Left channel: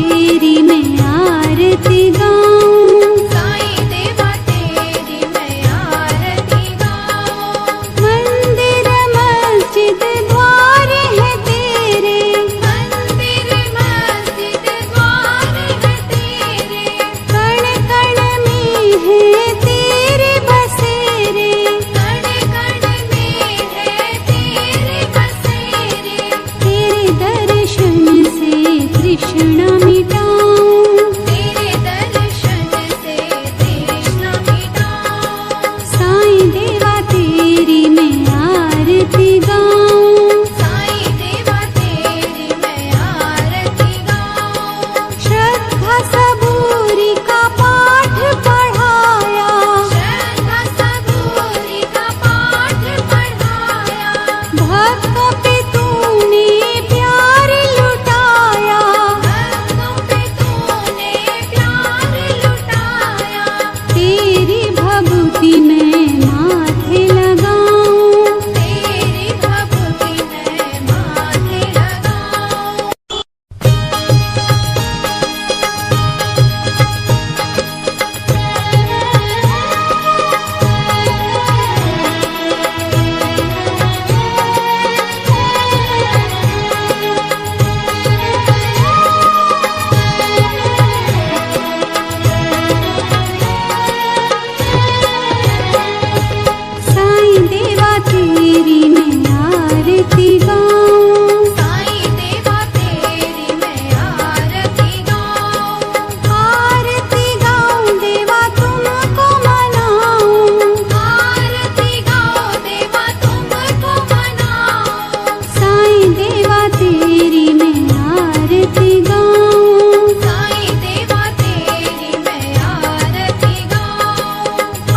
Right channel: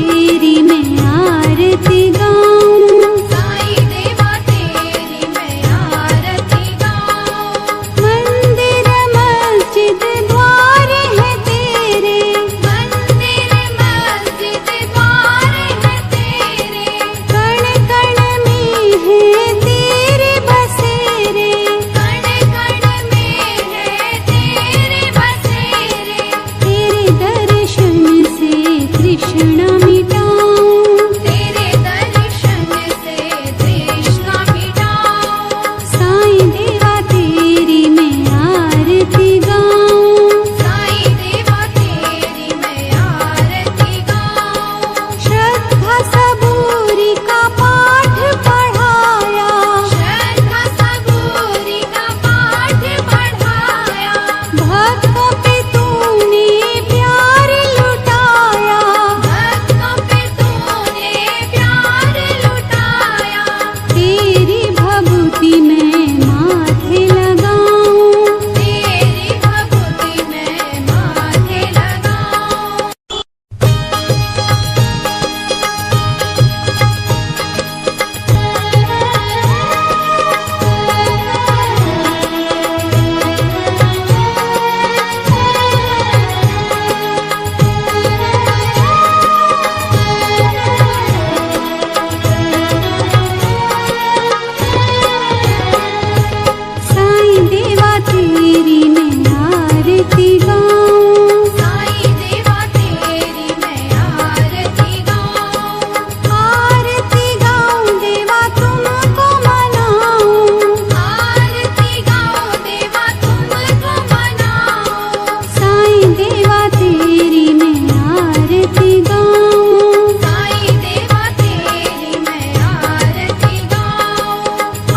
तेरी मैं आरती गाऊं, साईं देवा तेरी मैं आरती गाऊं। मंदिर मस्जिद द्वार है तेरे, मंदिर मस्जिद द्वार है तेरे, कण कण में है तेरे बसेरे, कण कण में है तेरे बसेरे। तेरे दर्शन से तृष्णा मिटाऊं, तेरे दर्शन से तृष्णा मिटाऊं। साईं देवा तेरी मैं आरती गाऊं, साईं देवा तेरी मैं आरती गाऊं। श्रद्धा सबूरी का पाठ पढ़ाया, श्रद्धा सबूरी का पाठ पढ़ाया, भक्तों पे तूने प्यार लुटाया, भक्तों पे तूने प्यार लुटाया। तेरी भभूति मैं माथे लगाऊं, तेरी भक्ति मैं माथे लगाऊं। साईं देवा तेरी मैं आरती गाऊं, साईं देवा तेरी मैं आरती गाऊं। आरती गाऊं देवा तुमको मनाऊं, आरती गाऊं देवा तुमको मनाऊं। साईं देवा तेरी मैं आरती गाऊं, साईं देवा तेरी मैं आरती गाऊं।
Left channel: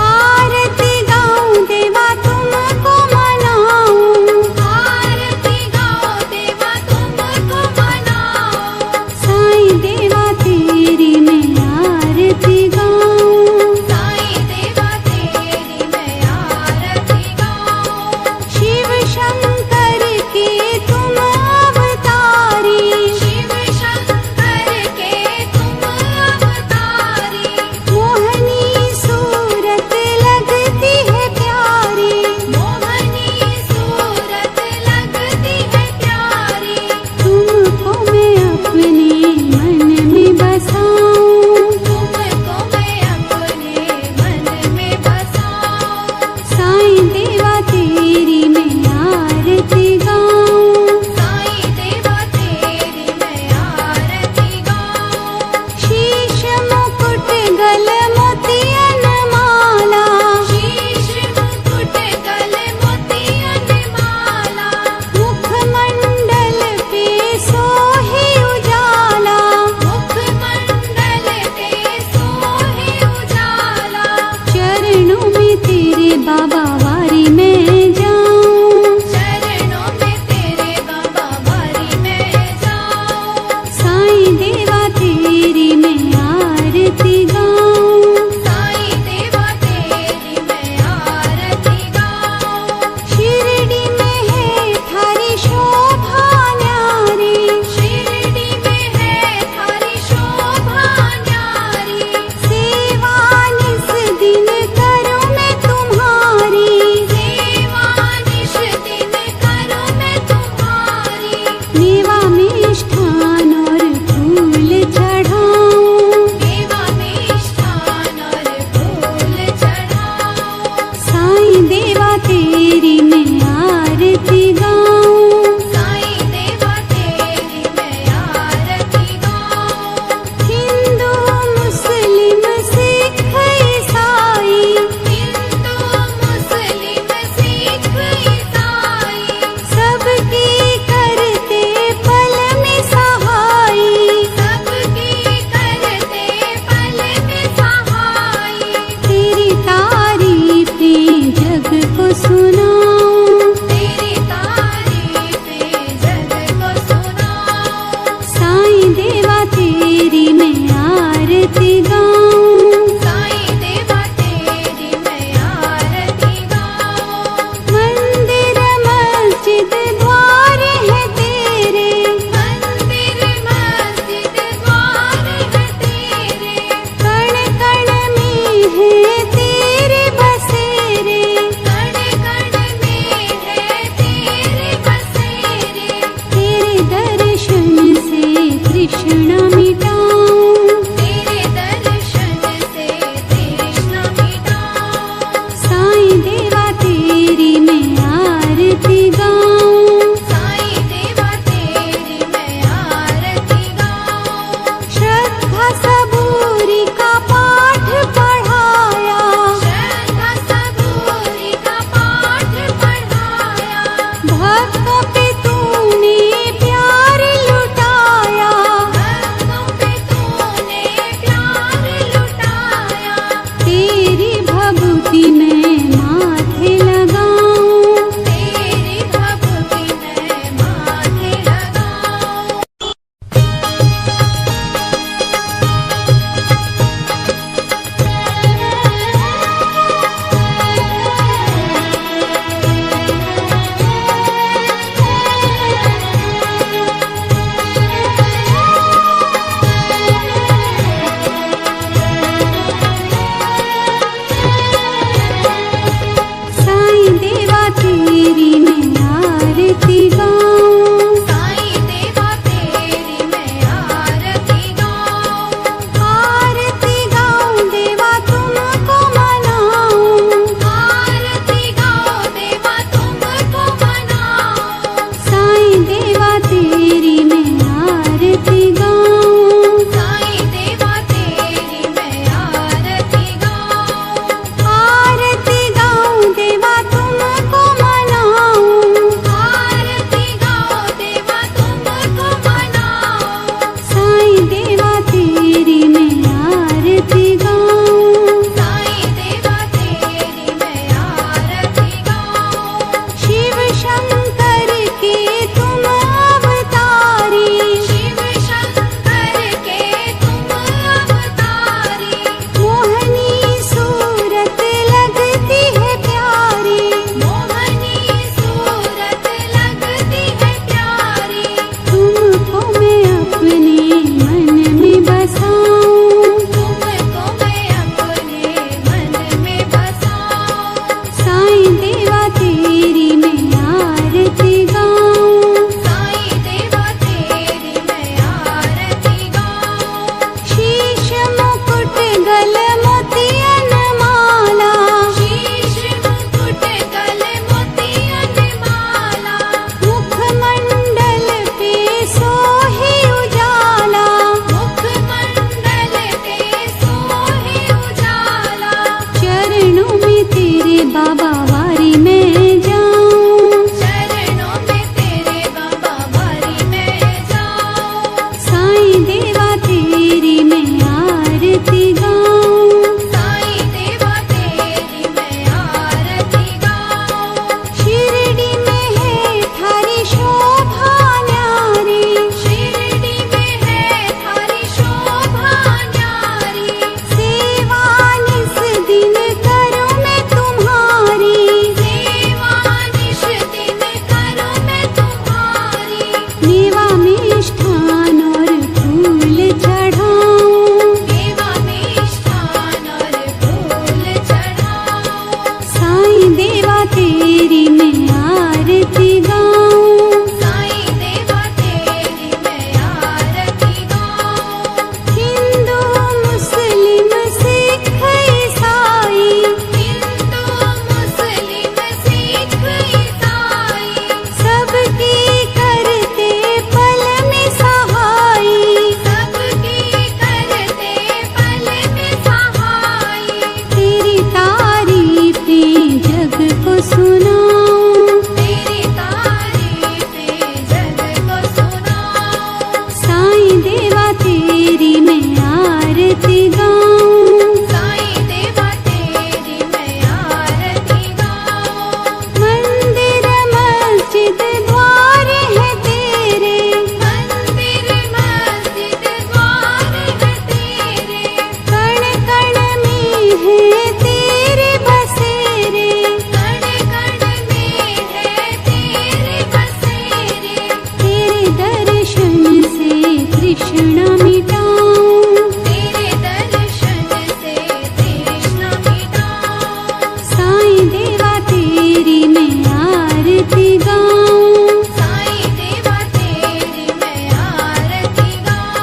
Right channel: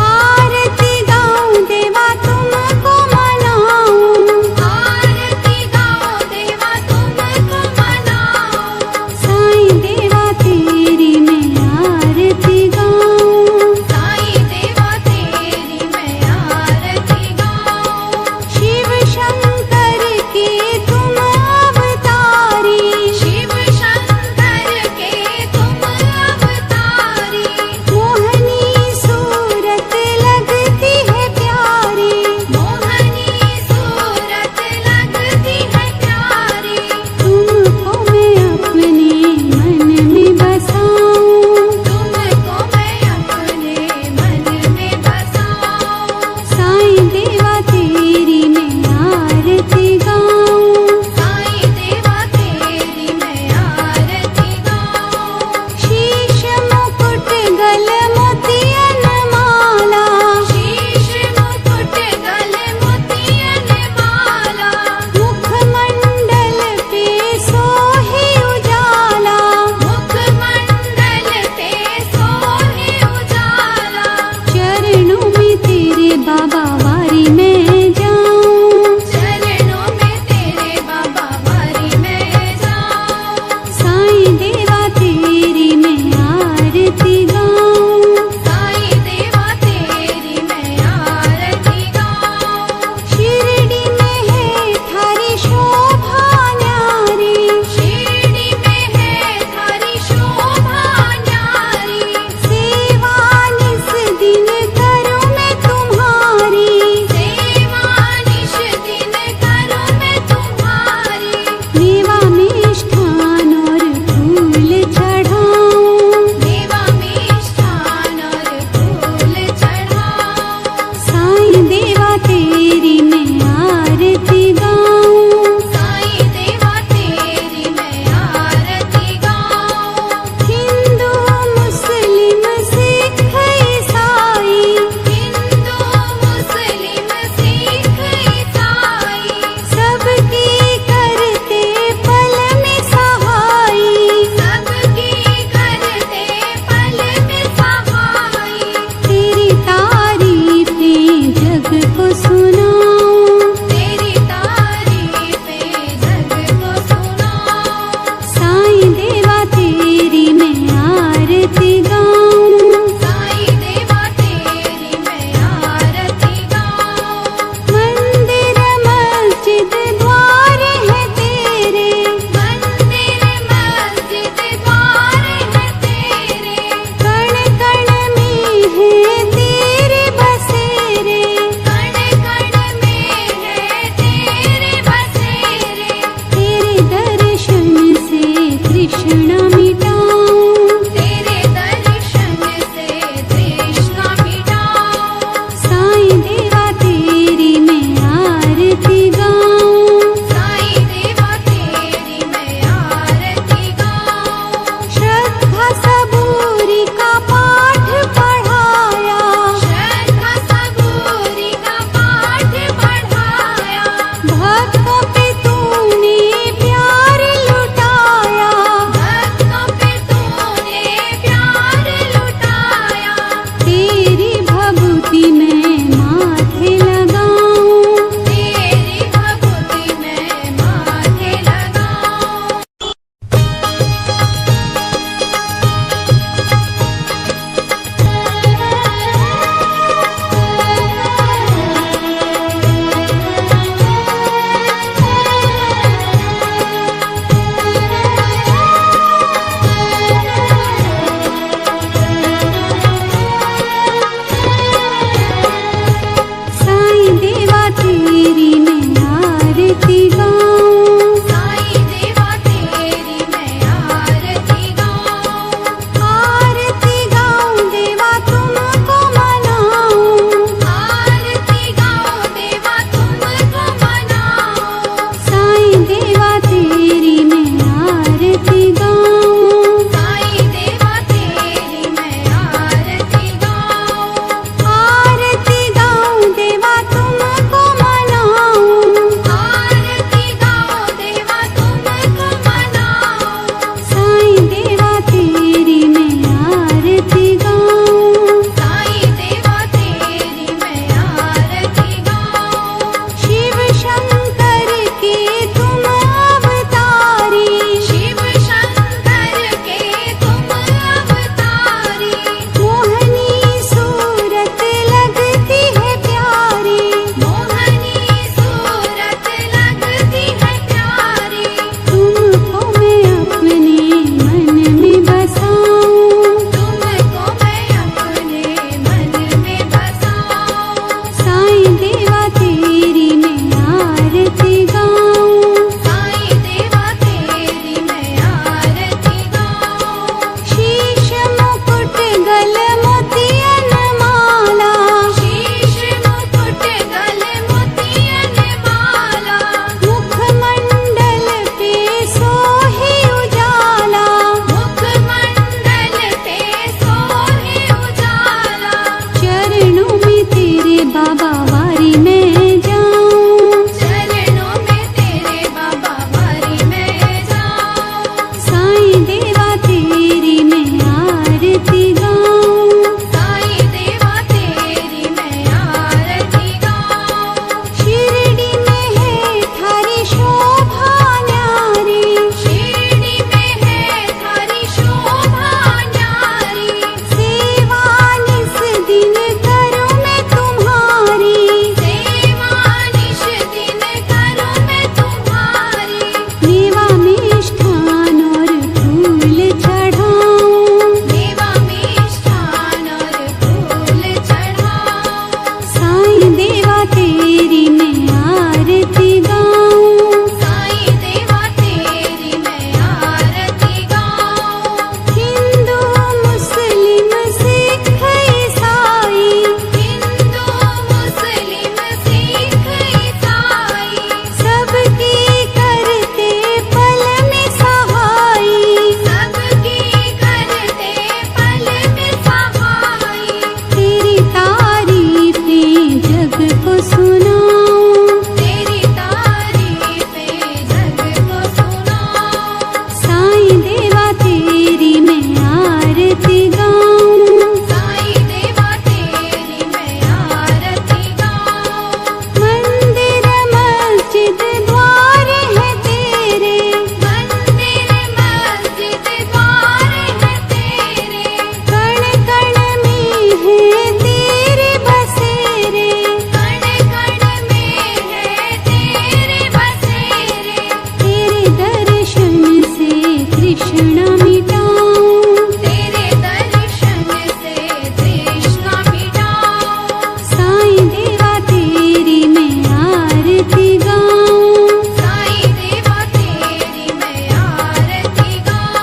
आरती गाऊं देवा तुमको मनाऊं, आरती गाऊं देवा तुमको मनाऊं। साईं देवा तेरी मैं आरती गाऊं, साईं देवा तेरी मैं आरती गाऊं। शिव शंकर के तुम अवतारी, शिव शंकर के तुम अवतारी, मोहनी सूरत लगती है प्यारी, मोहनी सूरत लगती है प्यारी। तुमको मैं अपने मन में बसाऊं, तुमको मैं अपने मन में बसाऊं। साईं देवा तेरी मैं आरती गाऊं, साईं देवा तेरी मैं आरती गाऊं। शीश मुकुट गल मोतियन माला, शीश मुकुट गल मोतियन माला, मुखमंडल पे सोहे उजाला, मुखमंडल पे सोहे उजाला। चरणों में तेरे बाबा वारी में जाऊं, चरणों में तेरे बाबा वारी में जाऊं। साईं देवा तेरी मैं आरती गाऊं, साईं देवा तेरी मैं आरती गाऊं। शिरडी में है थारी शोभा न्यारी, शिरडी में है थारी शोभा न्यारी, सेवा निस दिन करूं मैं तुम्हारी, सेवा निश दिन करूं मैं तुम्हारी। मेवा मिष्ठान और फूल चढ़ाऊं, देवा मिष्ठान और फूल चढ़ाऊं। साईं देवा तेरी मैं आरती गाऊं, साईं देवा तेरी मैं आरती गाऊं। हिंदू मुस्लिम सिख ईसाई, हिंदू मुस्लिम सिख ईसाई, सबकी करते पल में सहाई, सबकी करते पल में सहाई। तेरी तारीफें जग को सुनाऊं, तेरी तारीफें जग को सुनाऊं। साईं देवा तेरी मैं आरती गाऊं, साईं देवा तेरी मैं आरती गाऊं। मंदिर मस्जिद द्वार है तेरे, मंदिर मस्जिद द्वार तृष्णा मिटाऊं। तेरे दर्शन से तृष्णा मिटाऊं। साईं देवा तेरी मैं आरती गाऊं। साईं देवा तेरी मैं आरती गाऊं। श्रद्धा सबूरी का पाठ पढ़ाया। श्रद्धा सबूरी का पाठ पढ़ाया। भक्तों पे तूने प्यार लुटाया। भक्तों पे तूने प्यार लुटाया। तेरी भभूति मैं माथे लगाऊं। तेरी भक्ति मैं माथे लगाऊं। साईं देवा तेरी मैं आरती गाऊं। साईं देवा तेरी मैं आरती गाऊं। आरती गाऊं देवा तुमको मनाऊं। आरती गाऊं देवा तुमको मनाऊं। साईं देवा तेरी मैं आरती गाऊं। साईं देवा तेरी मैं आरती गाऊं। आरती गाऊं देवा तुमको मनाऊं। आरती गाऊं देवा तुमको मनाऊं। साईं देवा तेरी मैं आरती गाऊं। साईं देवा तेरी मैं आरती गाऊं। शिव शंकर के तुम अवतारी। शिव शंकर के तुम अवतारी। मोहनी सूरत लगती है प्यारी। मोहनी सूरत लगती है प्यारी। तुमको मैं अपने मन में बसाऊं। तुमको मैं अपने मन में बसाऊं। साईं देवा तेरी मैं आरती गाऊं। साईं देवा तेरी मैं आरती गाऊं। शीश मुकुट गल मोतियन माला। शीश मुकुट गले मोतियन माला। मुखमंडल पे सोहे उजाला। मुखमंडल पे सोहे उजाला। चरणों में तेरे बाबा वारी मैं जाऊं। चरणों में तेरे बाबा वारी मैं जाऊं। साईं देवा तेरी मैं आरती गाऊं। साईं देवा तेरी मैं आरती गाऊं। शिरडी में है थारी शोभा न्यारी। शिरडी में है थारी शोभा न्यारी। सेवा निस दिन करूं मैं तुम्हारी। सेवा निश दिन करूं मैं तुम्हारी। मेवा मिष्ठान और फूल चढ़ाऊं। देवा मिष्ठान और फूल चढ़ाऊं। साईं देवा तेरी मैं आरती गाऊं। साईं देवा तेरी मैं आरती गाऊं। हिंदू मुस्लिम सिख ईसाई। हिंदू मुस्लिम सिख ईसाई। सबकी करते पल में सहाई। सबकी करते पल में सहाई। तेरी तारीफें जग को सुनाऊं। तेरी तारीफें जग को सुनाऊं। साईं देवा तेरी मैं आरती गाऊं। साईं देवा तेरी मैं आरती गाऊं। मंदिर मस्जिद द्वार है तेरे। मंदिर मस्जिद द्वार है तेरे। कण कण में है तेरे बसेरे। कण कण में है तेरे बसेरे। तेरे दर्शन से तृष्णा मिटाऊं। तेरे दर्शन से तृष्णा मिटाऊं। साईं देवा तेरी मैं आरती गाऊं। साईं देवा तेरी मैं आरती गाऊं।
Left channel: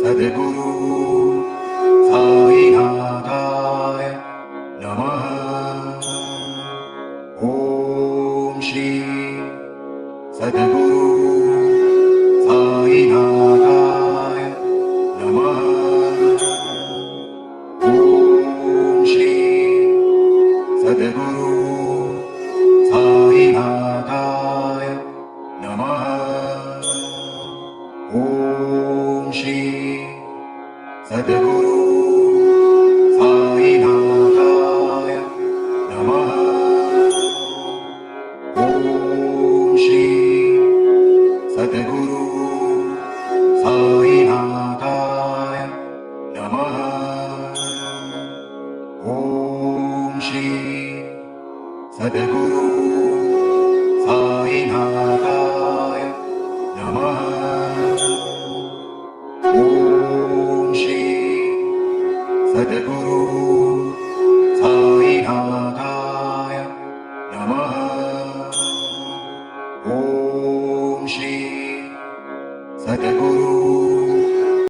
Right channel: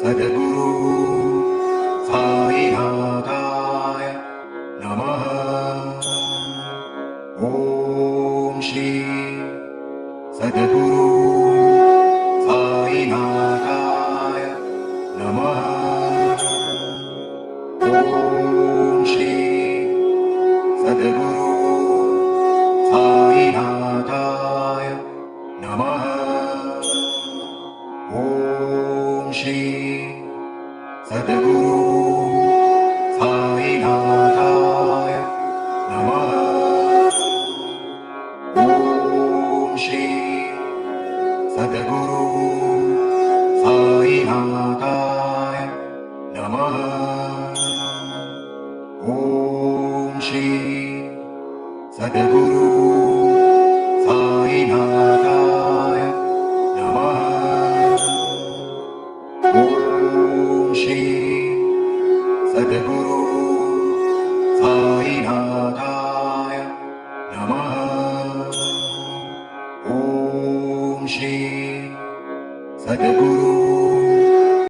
सद्गुरु साईनाथाय नमः। ॐ श्री सद्गुरु साईनाथाय नमः। ॐ श्री सद्गुरु साईनाथाय नमः। ॐ श्री सद्गुरु साईनाथाय नमः। ॐ श्री सद्गुरु साईनाथाय नमः। ॐ श्री सद्गुरु साईनाथाय नमः। ॐ श्री सद्गुरु साईनाथाय नमः। ॐ श्री सद्गुरु